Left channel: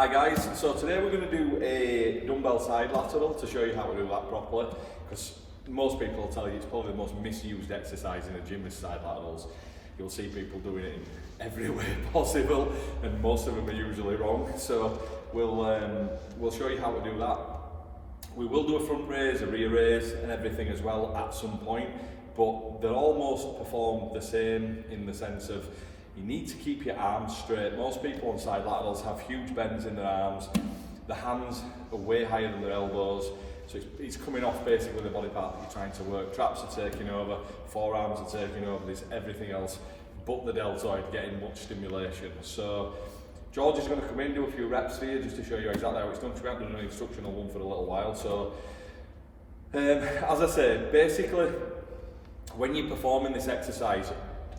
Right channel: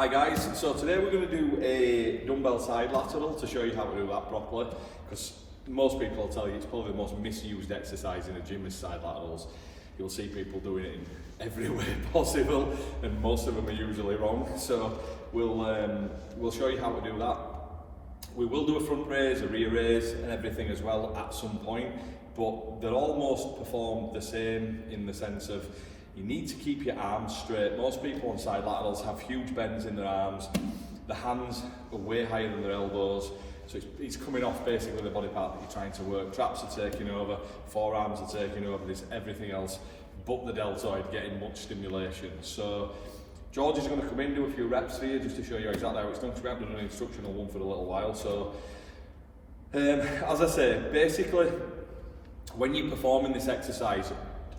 Hi guys, so today we're going to do a dumbbell side lateral to show you how to do that properly, because most people will tell you it's probably the most misused exercise in a gym is side laterals. You'll see people doing it in every way possible and most of them are usually wrong, so we'll show you how to do that. We will do a front raise, a rear raise and everything as well at some point, but they're almost performed the same in the sense of you need to keep your arms straight. Most people on side laterals have huge bends in their arms. The hands are way higher than their elbows. So it's coming off basically the body part that you're trying to work. Traps are taking over, forearms are taking over, there's everything else but the deltoid getting much stimulation. So George is going to come in, do a few reps for you just to show you exactly how it's done, because we haven't done an instructional one for a little while. So as I say, basically when you're performing this exercise,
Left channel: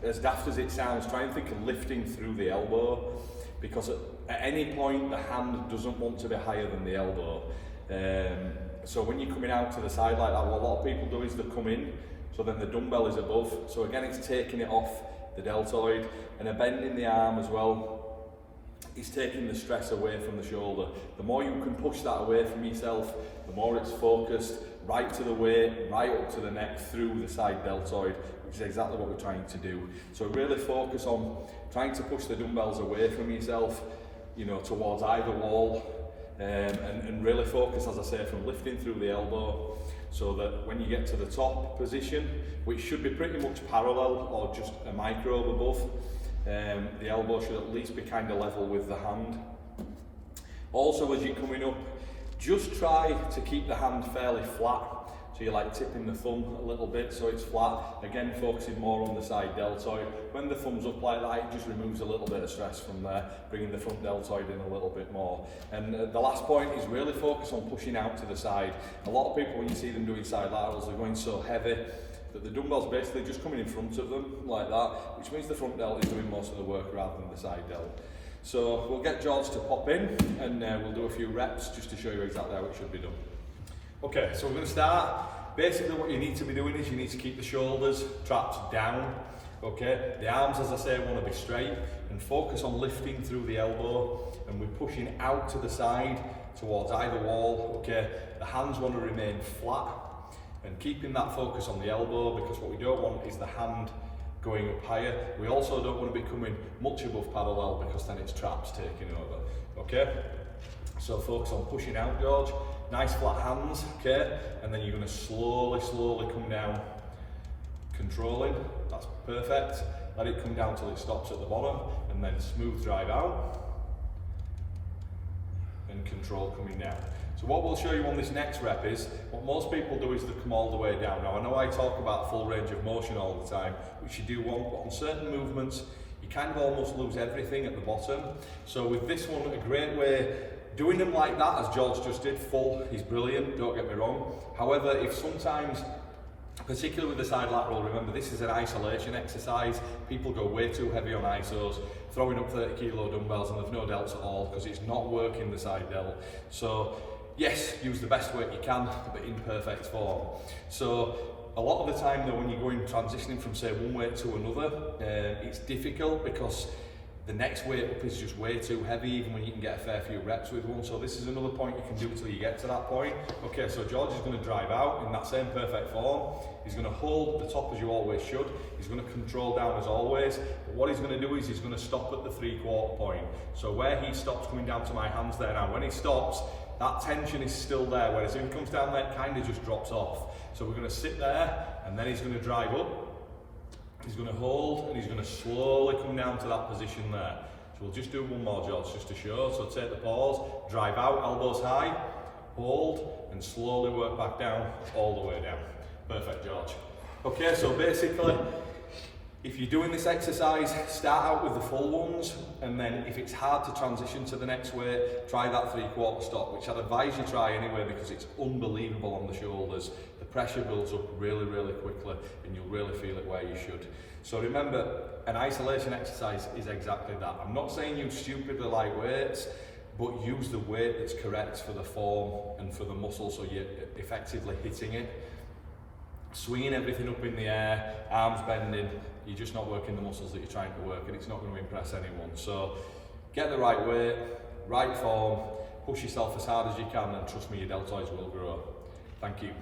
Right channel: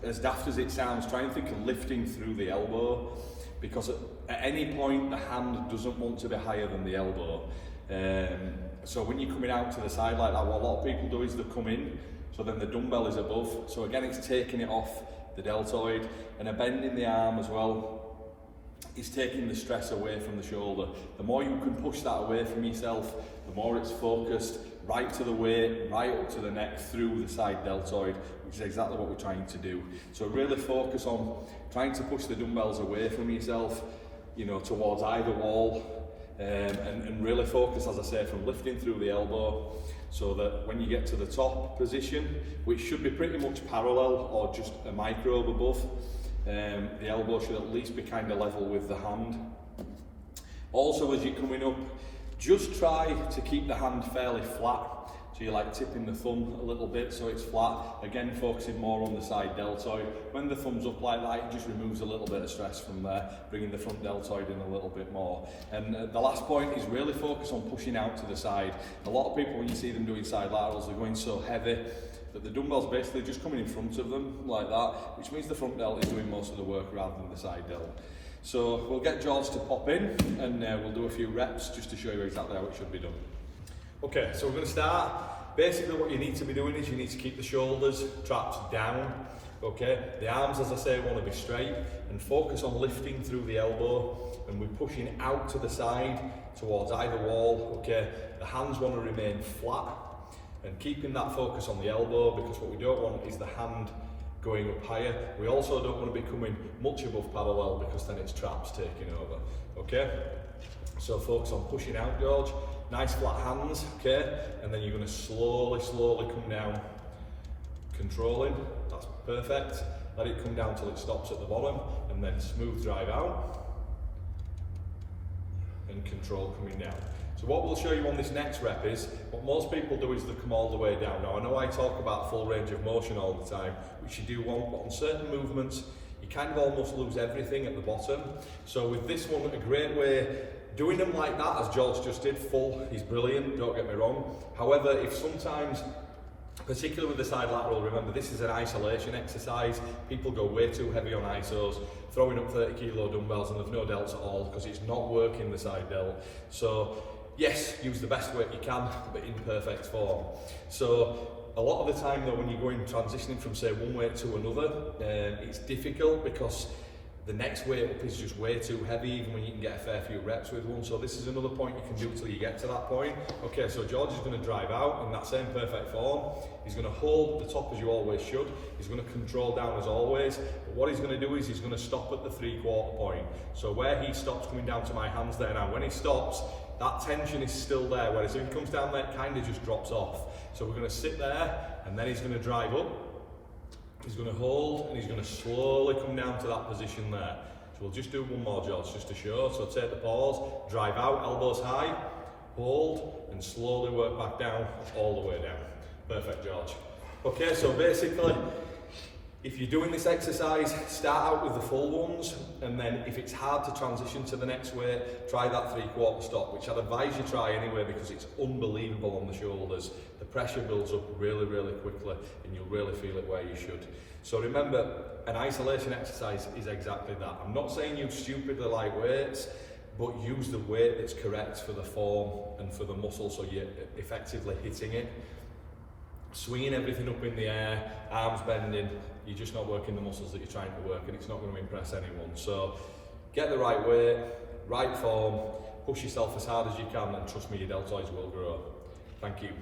as daft as it sounds, try and think of lifting through the elbow, because at any point the hand doesn't want to be higher than the elbow. So when you're coming out to the side like that, what a lot of people do is they come in, so then the dumbbell is above. So again, it's taking it off the deltoid, and a bend in the arm as well is taking the stress away from the shoulder. The more you can push that away from yourself, the more it's focused right to the weight, right up to the neck, through the side deltoid, which is exactly what we're trying to do. So really focus on trying to push the dumbbells away from yourself, you know, towards either wall, and really focus, as I say, from lifting through the elbow, so that when you get to the top position, which should be pretty much parallel or just a microbe above, the elbow should at least be kind of level with the hand. Also, as you're coming up, just try to keep the hand fairly flat. So you're like tipping the thumb a little bit so it's flat. Again, focusing more on the side deltoid. When the thumb's up like that, it just removes a little bit of stress from there, bringing the front deltoid in a little bit more. And the last point is really focus on pushing out to the side. A lot of people, when you see them doing side laterals, they're going so heavy that the dumbbell's basically just coming in front of them like that, which means the front delt is doing most of the work rather than the side delt. So we'll get George to pop in and we'll do a few reps just to show you exactly how it should be done. Okay, so we're going to start. Basically what you need to be doing is you need to keep the shoulders traps down. Okay, the arms, as I say, want to be straight, and focus on lifting through the elbow, and we're pushing out to the side towards either wall. Okay, the hands want to remain flat and keeping that focus on the elbow, because what we don't want is the hand going up higher. We also don't want to be coming much above parallel, because then it's traps taking over. Okay, so focus on pushing out, George. Nice flat hands, okay, and then you're going to slowly come down, controlling. That's perfect. Let it come down till it stops at the bottom, and then smooth drive out and control coming down. So what we'll show you on this next rep is, what most people do is they come all the way down. Now I know I talk about full range of motion all the time, which you do want, but on certain movements you kind of almost lose everything at the bottom. So with this one, a great way, doing them like that, as George just did, full, is brilliant, don't get me wrong. However, if sometimes, particularly with the side lateral, remember this is an isolation exercise, people go way too heavy on isos, throwing up 30 kilo dumbbells and there's no delts at all, because it's not working the side delt. So yes, use the best weight you can, but in perfect form. So a lot of the time though, when you're going transitioning from say one weight to another, it's difficult because the next weight up is just way too heavy, even when you can get a fair few reps with one. So this is another point you can do till you get to that point. Okay, so George is going to drive out in that same perfect form. He's going to hold the top as you always should. He's going to control down as always. But what he's going to do is he's going to stop at the 3/4 point. So where he stops, coming down to my hands there now, when he stops, that tension is still there, whereas if he comes down there, it kind of just drops off. So we're going to sit there, and then he's going to drive up. He's going to hold, and he's going to slowly come down to that position there. So we'll just do one more, George, just to show. So take the pause, drive out, elbows high, hold, and slowly work back down, all the way down. Perfect, George. Okay, so basically, if you're doing this exercise, start out with the full ones, and then if it's hard to transition to the next weight, try that 3/4 stop, which I'd advise you try anyway, because it's unbelievable on the shoulders. The pressure builds up really quickly, and you'll really feel it where you should. So remember, an isolation exercise is exactly that. I'm not saying use stupidly light weights, but use the weight that's correct for the form and for the muscle, so you're effectively hitting it. Swinging everything up in the air, arms bending, you're just not working the muscles that you're trying to work, and it's not going to impress anyone. So get the right weight, right form, push yourself as hard as you can, and trust me, your deltoids will grow. Thank you.